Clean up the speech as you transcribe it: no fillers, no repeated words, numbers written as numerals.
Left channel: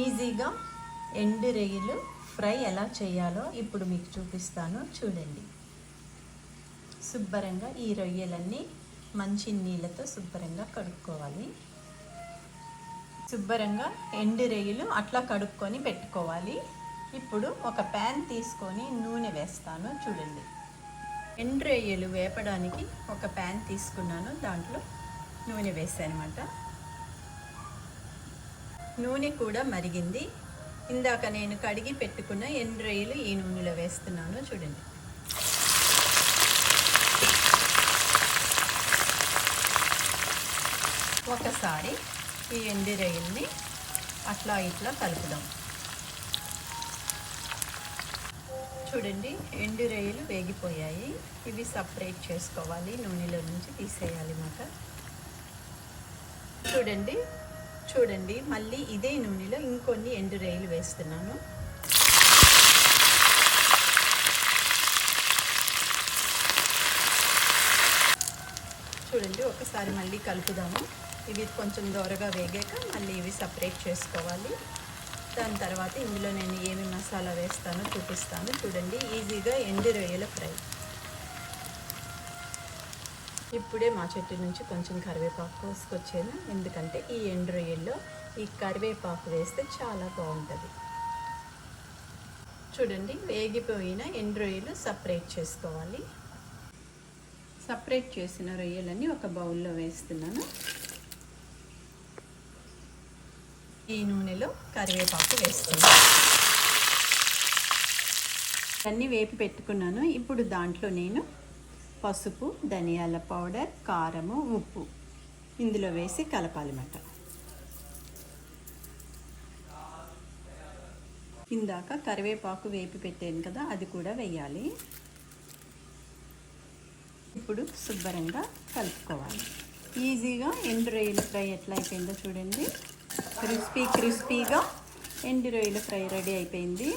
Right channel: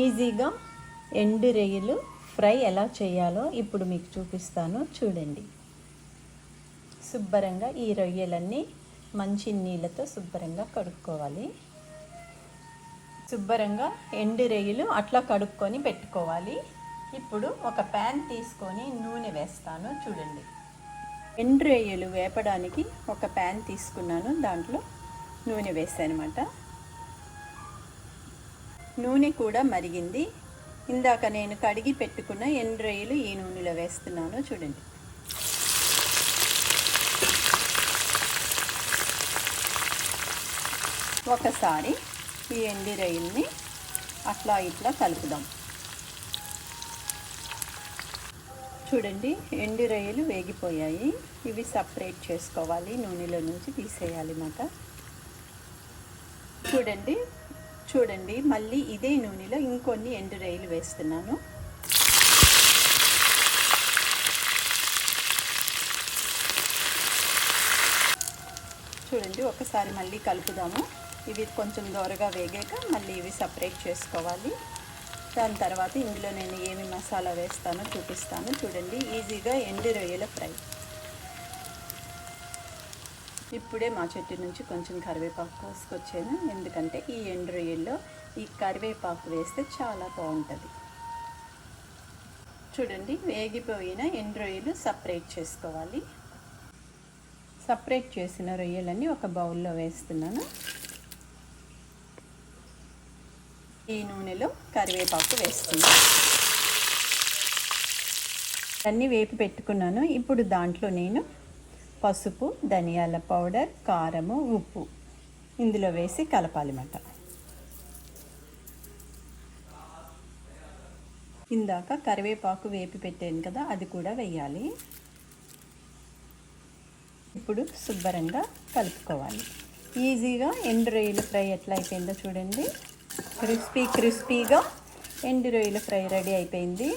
ఈజీగా ఎండు రొయ్యలు ఫ్రై ఎలా చేయాలో ఇప్పుడు మీకు చూపిస్తాను చూడండి. శుభ్రంగా ఈ రొయ్యలన్నీ మంచి నీళ్ళతో శుభ్రంగా కడుక్కోవాలి. శుభ్రంగా ఎండు రొయ్యలు అట్లా కడుక్కొని పెట్టుకోవాలి. ఇప్పుడు ఒక ప్యాన్ తీసుకొని నూనె వేస్తాను చూడండి. ఎండు రొయ్యలు వేపడానికి ఒక ప్యాన్ తీసుకున్నాను, దాంట్లో నూనె వేసాను అన్నమాట. నూనె కూడా మరిగింది. ఇందాక నేను కడిగి పెట్టుకున్న ఎండు రొయ్యలు ఈ నూనెలో వేస్తున్నాను చూడండి. ఒకసారి ఈ ఎండు రొయ్యల్ని అట్లా ఇట్లా కలుపుదాం. చూడండి, ఎండు రొయ్యలు వేగిపోయాయి. ఇవి సపరేట్ చేసుకోవాలి, నూనెలో నుంచి తీసేయాలి అన్నమాట. చూడండి మళ్ళీ ఇదే నూనెలో ఇంకొన్ని ఎండు రొయ్యలు వేస్తున్నాను. చూడండి, ఒకసారి మళ్ళీ కలుపుదాము. ఇవి కొంచెం దోరగా వేగాక మళ్ళీ ఇవి సపరేట్ చేసుకోవాలి. దాని తర్వాత ఇందులో నేను ఏమి మసాలా వేస్తానో చూపిస్తాను చూడండి. ఈజీగా ఎండు రొయ్యల ఫ్రై. ఇప్పుడే మా చెట్టు నుంచి కొంచెం కరివేపాకు కోసుకొచ్చాను, ఎందుకంటే ఈ ఎండు రొయ్యల్లో ఈ కరివేపాకు వేస్తే చాలా బాగుంటుంది. చూడండి, వేగిపోయిన ఎండు రొయ్యలు సపరేట్ చేసుకోవాలి. సపరేట్ చేసిన రొయ్యలన్నీ ఒక బౌల్లో వేస్తున్నాను. ఈ నూనెలో కరివేపాకు వేస్తున్నాను. అన్నీ వేపి పెట్టుకున్నాను. ఇప్పుడు దాంట్లో నేను పసుపు, ధనియాల పౌడర్, కారము, ఉప్పు ఇందులో వేసి కలపాలన్నమాట. ఇందాక కరివేపాకు వేపి పెట్టాను కదా, అది కూడా వేయాలి. ఇప్పుడు శుభ్రంగా కలుపుకోవాలి. ఈజీగా ఎండు రొయ్యల ఫ్రై ఎట్లా అయిపోయిందో చూడండి. క్రిస్పీగా ఎండు రొయ్యల ఫ్రై రెడీ అయిపోయింది.